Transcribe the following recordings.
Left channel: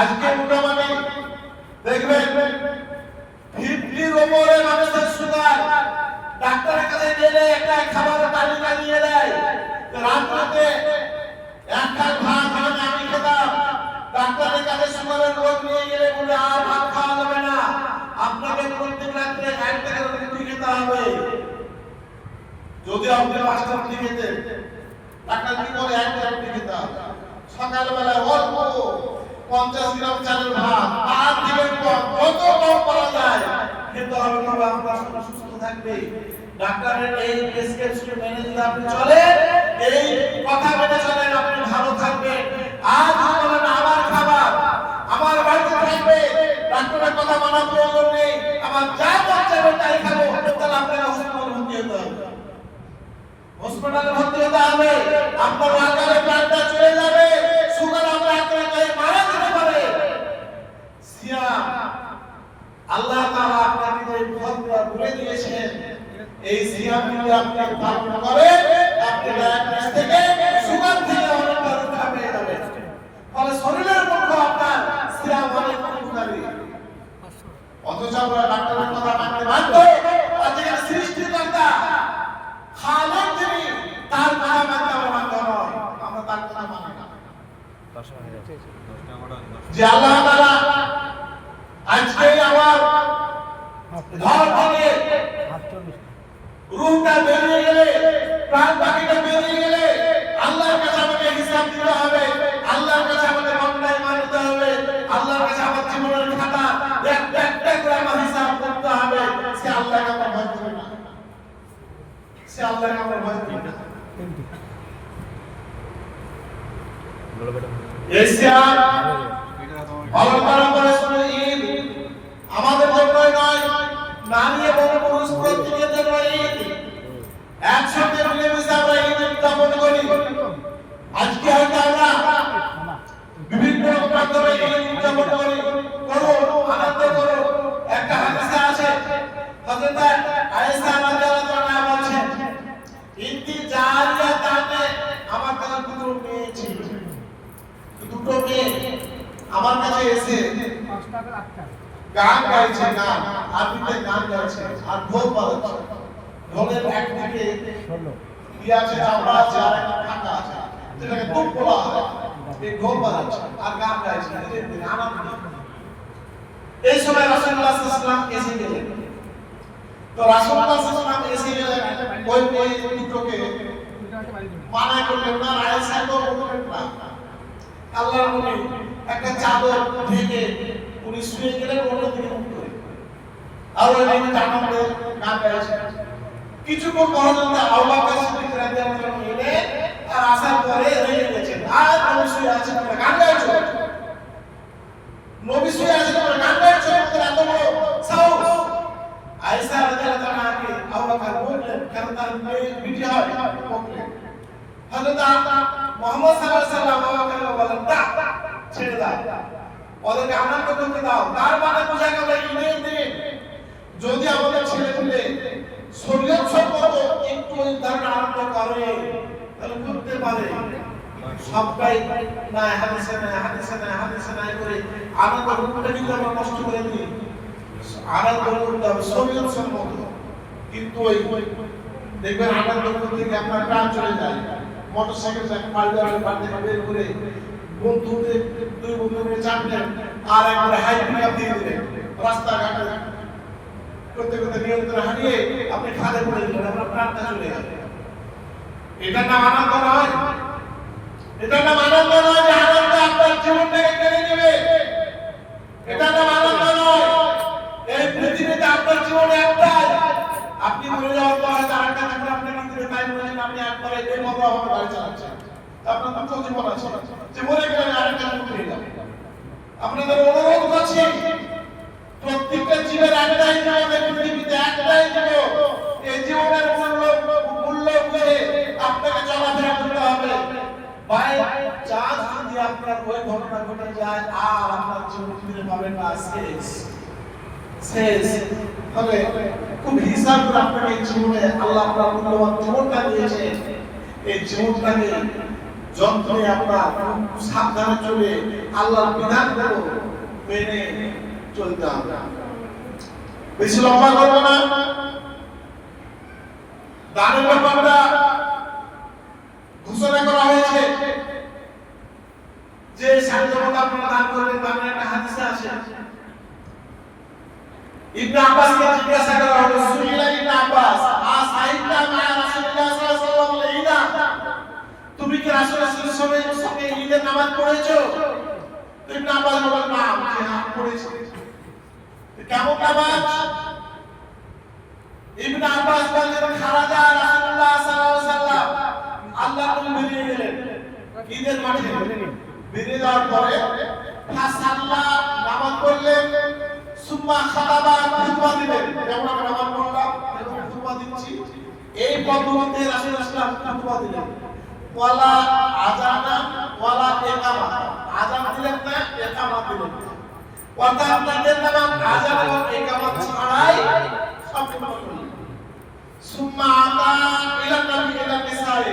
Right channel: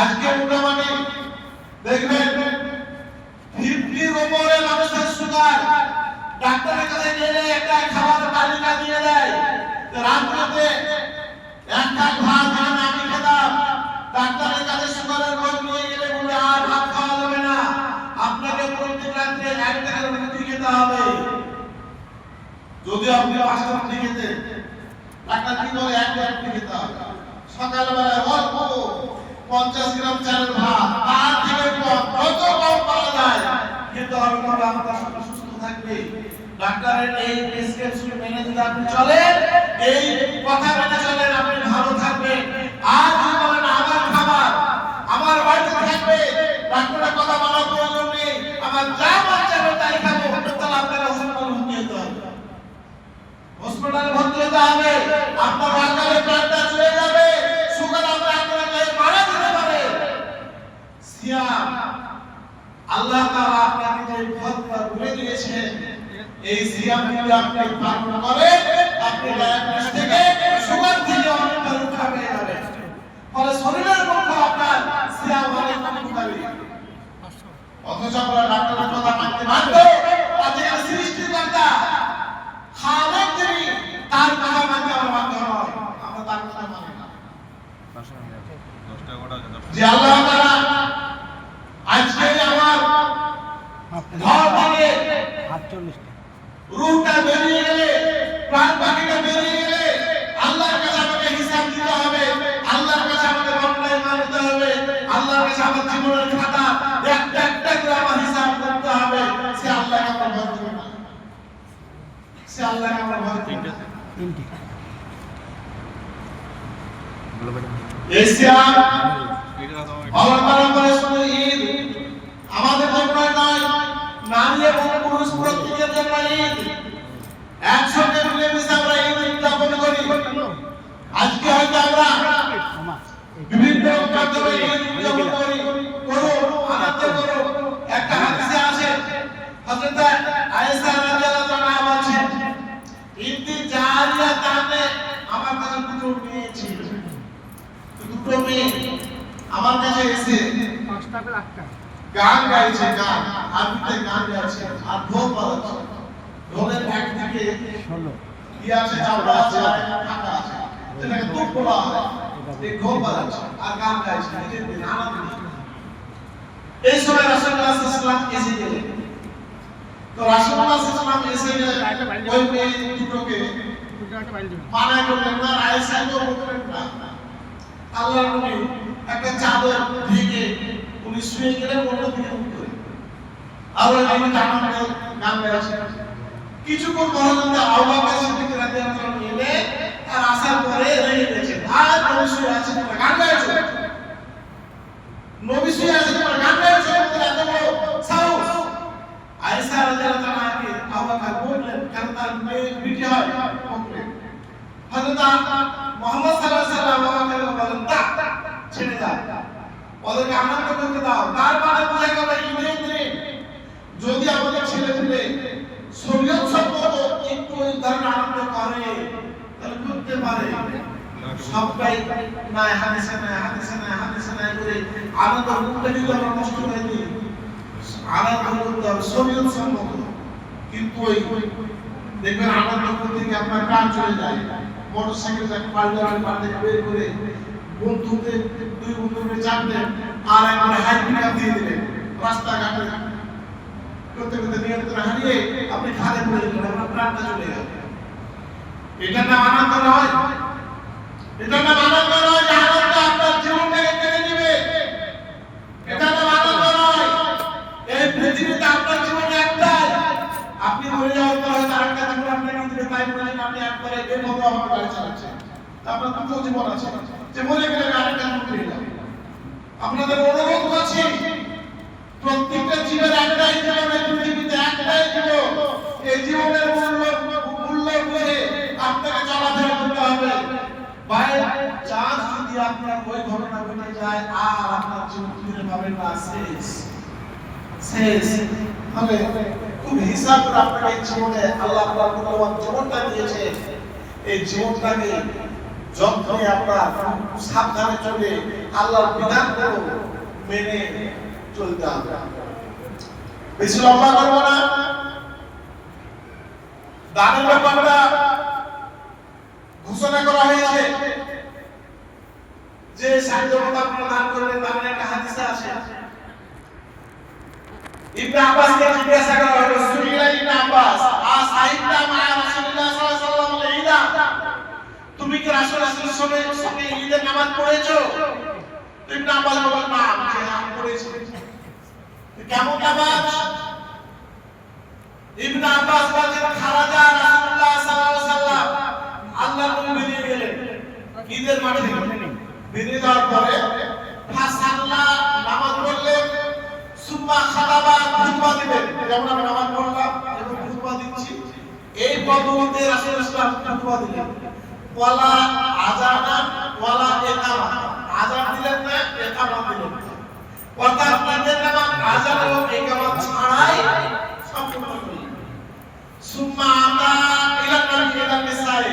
আজকে মোটামুটি দেখবেন 50 উপরে মানুষের সুগার, ডাক্তারের কাছে গেলে একটা খাবারের তালিকা দিয়ে দেয়, রাতে এক কাপ ভাত আমি খেলাম, ডাক্তারের কাছে সুগারের রোগ নিয়ে গেলে বলে আর ভাত খাওয়া যাবে না, আপনাকে প্রত্যেক রাত্রে 1 টাকার রুটি খেতে হবে। যদি আপনি 5টা রুটি খেতেন, ডাক্তার কি বলে 1 টাকার রুটি খেতে হবে। সকালবেলায় অল্প 50 গ্রাম চালের ভাত, তার থেকে কত কম পাওয়া যায় কিন্তু হবে, তবে আপনার শরীর সুস্থ থাকবে। ডাক্তারের এই প্রেসক্রিপশন মেনে যদি আপনি চলেন, এই কথা মেনে চলেন, আপনি ভালো থাকবেন। আজ বলেন আমার খাবার আমার বাড়িতে থাকবে, ডাক্তারের কথা মানার প্রয়োজন নেই, আমার যা মন চাইবে তাই খাবো, তাহলে আপনার হসপিটালে ভর্তি হতে হবে, আপনার অকালে প্রাণটা চলে যাবে, সুগার আপনাকে মারা যেতে পারে। সিয়াম আল্লাহ তাআলা আপনাকে যে ফতোয়া বলে দিয়েছেন, এই সিয়াম যদি আপনি পালন করেন, আপনি ডায়াবেটিস থেকে সুগার থেকে অনেকটা রক্ষা পেয়ে যাবেন। ফলে শরীরের পক্ষে আপনার সিয়াম অনেক উপকারী। অথচ আমরা ডাক্তারের কথা মানতে বাধ্য, আজকে সৃষ্টিকর্তা খালেক তিনি, তার কথা মানতে আমরা বাধ্য নয়, আমরা তার কথা মানি না। যে আল্লাহ তাআলা আজকে আমার ঘর থেকে রূহটা বেরিয়ে গেলে, প্রাণ বাকিটা বেরিয়ে গেলে, আল্লাহর কাছে আমাকে হিসাব দিতে হবে, আল্লাহর কাছে আমাকে মামলায় মানতে হবে, আল্লাহর কাছে আমার জীবনের খাতা একটা করে আমার হিসাব করতে হবে। সে আল্লাহকে আমরা ভয় করি না, সে আল্লাহকে আমরা ভয় করি না। এশিয়া ঈদ আমাদের জন্য নয়, নারী এবং পুরুষ প্রত্যেকের জন্য ঈদ। একসাথে মিলেমিশে আমরা ঈদ উদযাপন করি। আজকে হয়তো আমরা বিভিন্ন মাধ্যমে ঈদ উদযাপন করি, আনন্দ করো। একটা হাদিসে আছে, হযরত আয়েশা রাদিয়াল্লাহু আনহা বলেন, ইন্তি জারিয়াতানে, আমার কাছে দুটো মেয়ে ছিল, দুটো মেয়ে আমার কাছে এসে 5 টাকা 8 টাকা গান গাইছে, গান আরবিতে গান গাইছে আর ঢোল বাজাচ্ছে। ঢোলের একদিকে ইয়া আছে, চামড়া আছে, আর ফাঁকা আছে, যেটাকে তুপ বলা হয়। এই ঢোল বাজাচ্ছে আর গান গাইছে, নিজের আনন্দ। এই সময় রাসূলুল্লাহ সাল্লাল্লাহু আলাইহি ওয়াসাল্লাম এসে গেলেন। তো রাসূলুল্লাহ সাল্লাল্লাহু আলাইহি ওয়াসাল্লাম এসে গেলেন, ওই মেয়ে দুটোকে মানা করলেন না, আয়েশা তো বললেন না। আল্লাহর নবী একটা চাদর ঢেকে উনি শুয়ে গেলেন, ওটা দিয়ে মুখ করে আর ওই মেয়ে জামাতে নাম গাইছে। কিছুক্ষণ পরে যখন আবু বকর সিদ্দিক রাদিয়াল্লাহু আনহু এলেন, আর আসার পরে রেগে গেছেন, আর নবী শুয়ে আছেন, গান গাইছে, নবী শুয়ে আছেন, গান গাইছে, এত বড় সাহস। আয়েশা রাদিয়াল্লাহু আনহাকে আবু বকর বললেন, কারণ তার মেয়ে বিটি হয়, বললেন হযরত মুহাম্মদ সাল্লাল্লাহু আলাইহি ওয়াসাল্লাম বলেন, তা ছেড়ে দাও, ওদেরকে আনন্দ করতে দাও। তার মানে বোঝা গেল ঈদের দিন যদি আমাদের ছেলেপুলে শরীয়ত সম্মত একটু এই ধরনের আনন্দ করে, তাহলে করতে পারে। সবাই না হাদিসে না হাদিসে না হাদিসে না করে আনন্দ করতে দিলে আমরা নষ্ট করে দিই। আনন্দ করতে হবে শরীয়ত সম্মত, কিন্তু ওই দেখবেন আনন্দ করতে গিয়ে আপনার প্রাণ চলে যায়। মোটরসাইকেল যাকে পাল্টালে পাল্টে বের করে বন্ধুদের দুই বন্ধুকে চাপলেন, আর একবার হাই পিকআপ দিয়ে দিলেন, রাস্তাঘাটে করতে করতে নিয়ন্ত্রণ হারিয়ে আপনি খাদে পড়ে গেলেন, আপনার প্রাণটা চলে গেল। এটা না আনন্দ নয়, এটা না আনন্দ নয় যে আনন্দ আপনার জীবনটাকে কেড়ে নেবে, এটা না আনন্দ নয়। এই পৃথিবীতে আপনার জীবনে একটাই, আপনি মরে যাওয়ার পরে তার একটা জীবন আপনাকে দিবে, তাই বলেন আপনি একবারে বেমরভাবে গাড়ি চালাচ্ছেন। আপনার দুটো জীবন আছে, যে মরে গেলে আরেকটা জীবন ফিরে যাবে। আপনাদের অনুরোধ করছি, প্রত্যেকটা জীবের একটাই জীবন, এই পৃথিবীতে একটাই জীবন। এই জীবনের মূল্য বুঝে আপনাকে চলাফেরা করতে হবে। বাই চান্স যদি আপনার ওই ঘটনা ঘটে যায়, আর আপনার জীবন ফিরে পাবেন না, শেষ শেষ। তবে খুব হিসাব করে আপনাকে এই জীবনে আল্লাহ আপনার মূল্যবান জীবনটা দিয়েছে, এই জীবনটাকে যন্ত্রে আপনার সাবধানে চলে আল্লাহর বিধানগুলো মেনে চলতে হবে। বেশি লম্বা করবো না। দানের ব্যাপারটা ঘোষণা করা হয়েছে যে সাহায্যটা আপনারা দান করবেন, দানের একটা হাদিস আছে। ইবনে আব্বাসকে জিজ্ঞাসা করা হলো, সুনিলা ইবনে আব্বাস আসাইতা মা রাসূলুল্লাহ সাল্লাল্লাহু আলাইহি ওয়াসাল্লাম, তুমি কি রাসূলের সঙ্গে ঈদের নামাজ পড়েছো? ইবনে আব্বাস বললেন, না, আমি হ্যাঁ পড়েছি। কেমন নামাজ? ইবনে আব্বাস বলেন, খারাজা রাসূলুল্লাহ সাল্লাল্লাহু আলাইহি ওয়াসাল্লাম, আল্লাহর নবী বেরিয়ে গেলেন ঈদের মাঠে। বেরিয়ে যাওয়ার পরে ফাসাল্লাহ, নামাজ পড়লেন, সুম্মা খাতাবা, খুতবা দিলেন। যেমন আমরা নামাজ পড়লাম এবং খুতবা দিচ্ছি, এই পদ্ধতিতে রাসূলুল্লাহ সাল্লাল্লাহু আলাইহি ওয়াসাল্লাম খুতবা দিলেন। ওয়ালা আযানা ওয়ালা ইকামা, আযান দিলেন না, ইকামত দিলেন না। অর্থাৎ তাদের নামাজ আযান এবং ইকামত ছাড়াই সম্পূর্ণ করলেন। সুম্মা আতা ইলা নবী ইলা নিসাই,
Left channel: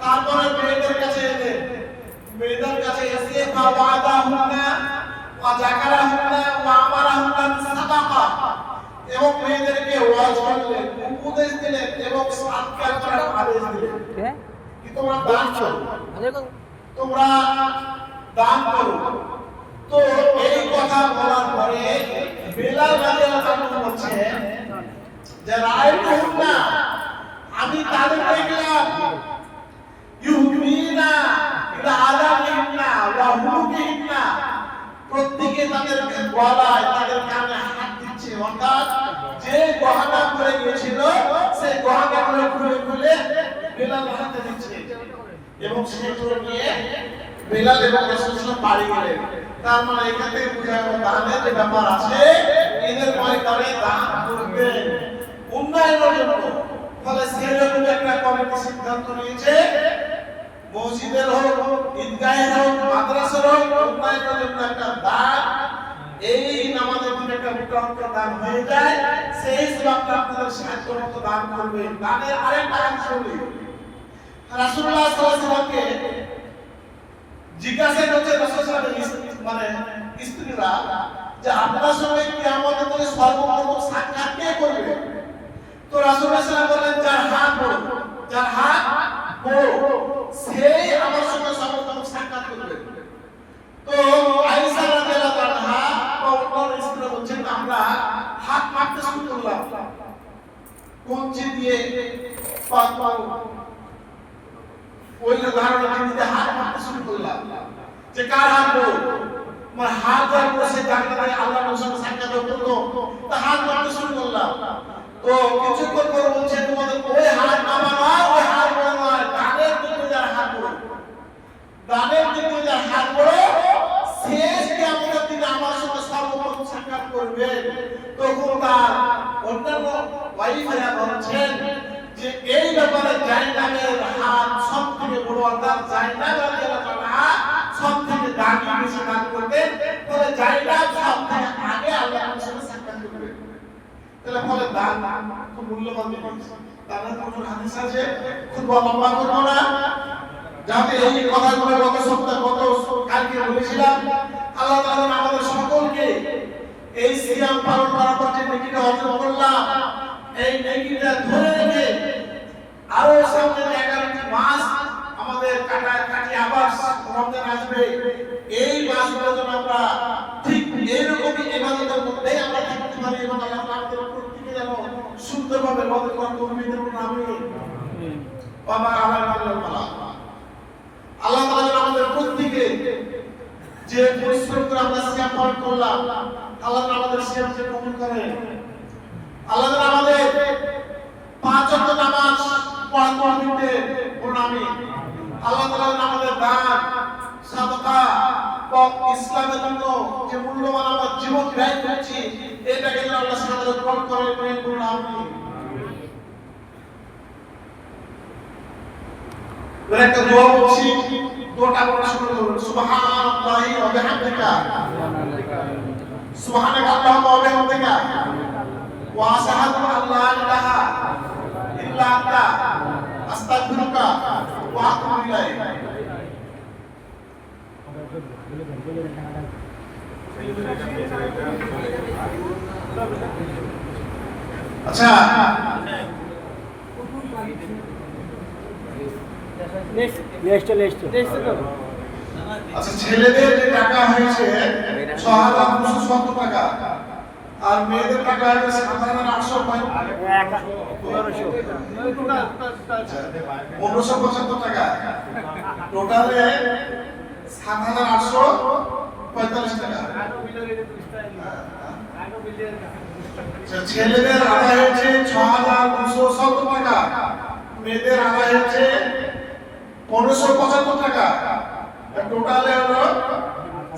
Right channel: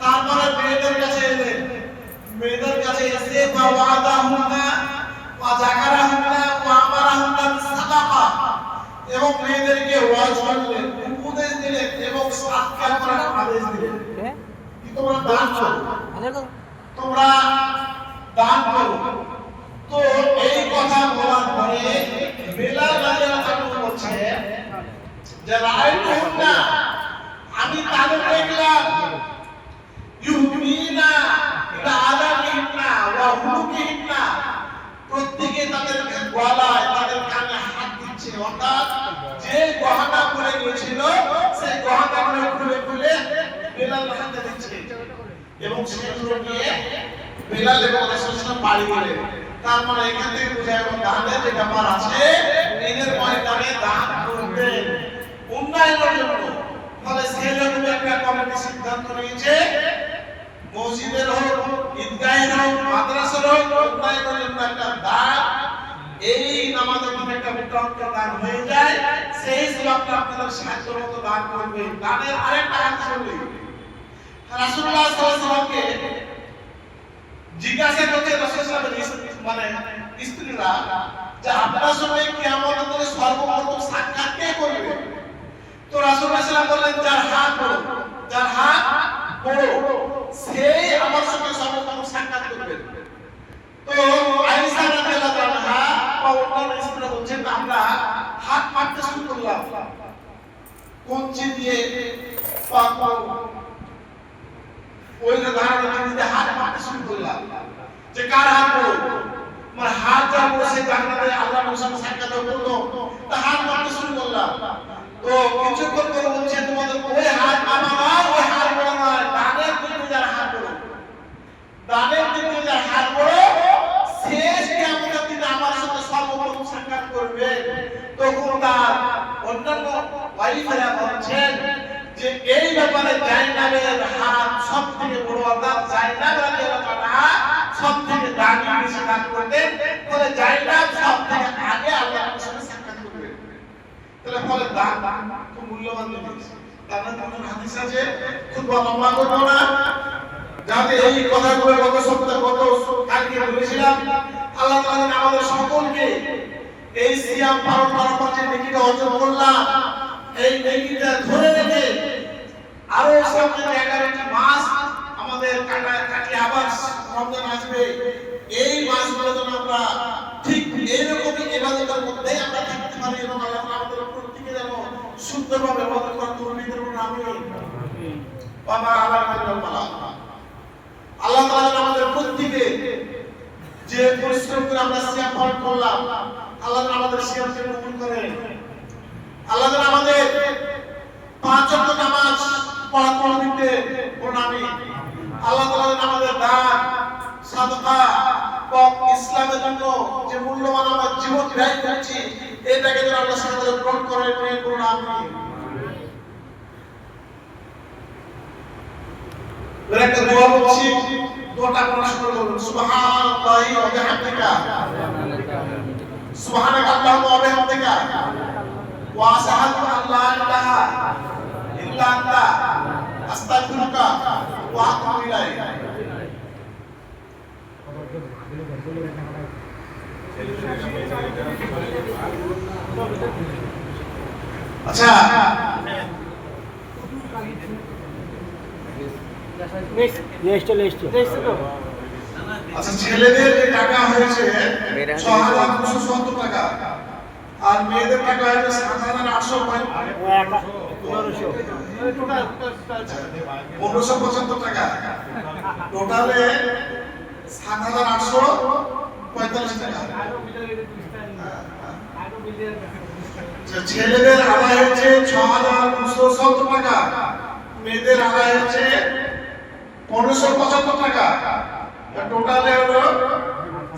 তারপরে মেয়েদের কাছে এলেন। মেয়েদের কাছে এসে ফাওয়াদাহুন্না ওয়া যাকারাহুন্না ওয়া আমারাহুন্না বিসাদাকা, এবং মেয়েদেরকে ওয়াজ করলেন, উপদেশ দিলেন এবং সাদকা করার আদেশ দিলেন। কি তোমরা দান করো, তোমরা দান করো। তো এই কথা বলার পরে বেলাল রাদিয়াল্লাহু আনহু বলছেন যে রাআইতুহুন্না, আমি তাদের দেখলাম, ইউমিনা ইলা আযানিহিন্না ওয়া হুলুকিহিন্না, প্রত্যেকে তাদের গলায় তাদের কানে হাত দিচ্ছে। অর্থাৎ যে গহনা পরে গিয়েছিল সেই গহনাগুলো খুলে খুলে বেলাল হাতে দিচ্ছে, এবং সেগুলো নিয়ে বেলাল এবং রাসূলুল্লাহ বাড়ি গেলেন। তার মানে এখান থেকে বোঝা গেল দানের যে ব্যাপার আছে, ঈদের ময়দানে দান করবেন উন্নয়নের জন্য। ফলে সেরকম একটা কমিটি সিদ্ধান্ত নিয়েছে, মসজিদের হোক, ঈদগাহের হোক, মাদ্রাসার হোক, উন্নয়নের জন্য একটা দান, এই নামাজের জন্য একটা মোটামুটি দান হয়ে যায়, সেই হিসাবে আপনাদের সাহায্য মতো দান করবেন। দানের আরেকটা হাদিস বলি, রাসূলুল্লাহ সাল্লাল্লাহু আলাইহি ওয়াসাল্লামকে জিজ্ঞাসা করছে রাসূলুল্লাহ মানে স্ত্রীরা যে আপনার সঙ্গে কিয়ামতের দিনে সর্বপ্রথম সাক্ষাৎ কে করবে? তো রাসূলুল্লাহ সাল্লাল্লাহু আলাইহি ওয়াসাল্লাম বললেন, যার হাত বড়, যার হাত বড় সেই আমার সঙ্গে সর্বপ্রথম সাক্ষাৎ করবে। তো আয়েশা রাদিয়াল্লাহু আনহা বা অন্যান্য স্ত্রীরা বলছেন, আমরা হাত মারতে শুরু করলাম, কঞ্চি দিয়ে ওই ধারণা দিয়ে হাত মারতে শুরু করলাম যে কার হাত বড়। আমার হাত যার বড় সে জান্নাতে আল্লাহর সঙ্গে সাক্ষাৎ করতো, তা হাত মারতে শুরু করলাম। তো কিছুক্ষণ পরে বলছে, তোমাদের ওই হাত আমার আর ওই হাত বড় নয়, দানের দিকে যার হাত বড়, দানের দিকে যার হাত বড় শেষ কিয়ামতের দিনে আমার সঙ্গে সর্বপ্রথম সাক্ষাৎ করবে। তখন তার অন্যান্য ওয়াইফেরা বলছেন যে এই ব্যাপারে জাইনাবের হাত সব থেকে বড়, অর্থাৎ জাইনাব রাদিয়াল্লাহু আনহা সব থেকে দামি, বেশি দান করতেন। ফলে জাইনাব সব থেকে আগে আল্লাহর সঙ্গে সাক্ষাৎ করবে। তাহলে ফলে দান খুব মূল্যবান জিনিস। তার কোন হাদিস আছে, খুব লম্বা করব না, যাতে এই কথাগুলো গত সপ্তাহে কালকে বলেছিলাম। আল্লাহ তাআলা আমাদের সকলকে এই সিয়াম পালন করার পর যে নেকিটা অর্জন করলাম, এই নেকিটা ধরে রেখে আরো সামনে 11টি মাস আমাদের কাটিয়ে আবার রমজান আসবে, এই মাসগুলো যেন আমরা ঠিক এইরকমই ইবাদতের মধ্যেই আমরা থাকতে পারি, এবং আল্লাহ তাআলা আমাদের প্রত্যেককে যেন সুন্দরভাবে ইবাদত করার তৌফিক দান করুন। আমিন। বাবা আল্লাহ তাআলা আমাদের প্রত্যেককে যে পরিশ্রম করে আমরা সিয়াম পালন করলাম, আল্লাহ আমাদের সিয়ামকে কবুল করেন। আল্লাহ আমাদের 5 ওয়াক্ত নামাজ পড়া করতে প্রণামী। আল্লাহ তাআলা আমাদের দান, সাদকা ও ইসলামের জন্য যে মূল্যবান আমার জীবন ব্যয় করছি, এটাকে যেন আল্লাহ আমাদের গ্রহণ করে নিয়ে প্রণামী। একটা দোয়া বলছি, দোয়াটা আপনারা শুরু করুন। সুবহানাল্লাহি ওয়া বিহামদিকা, সুবহানাকা আল্লাহুম্মা ওয়া বিহামদিকা, ওয়া আশহাদু আল্লা ইলাহা ইল্লা আনতা, আস্তাগফিরুকা ওয়া আতুবু ইলাইক। আচ্ছা, আচ্ছা ছেলেদের যে টাকা হয়েছে ৬,২৭০ টাকা আর মেয়েদের টাকা হয়েছে ১৫৭৫ টাকা, টোটালে ৭,৮৪৫ টাকা। ছেলেদের আদায় হয়েছে ৬,২৭০ টাকা, মেয়েদের আদায় হচ্ছে ১৫৭৫ টাকা, টোটালে হলো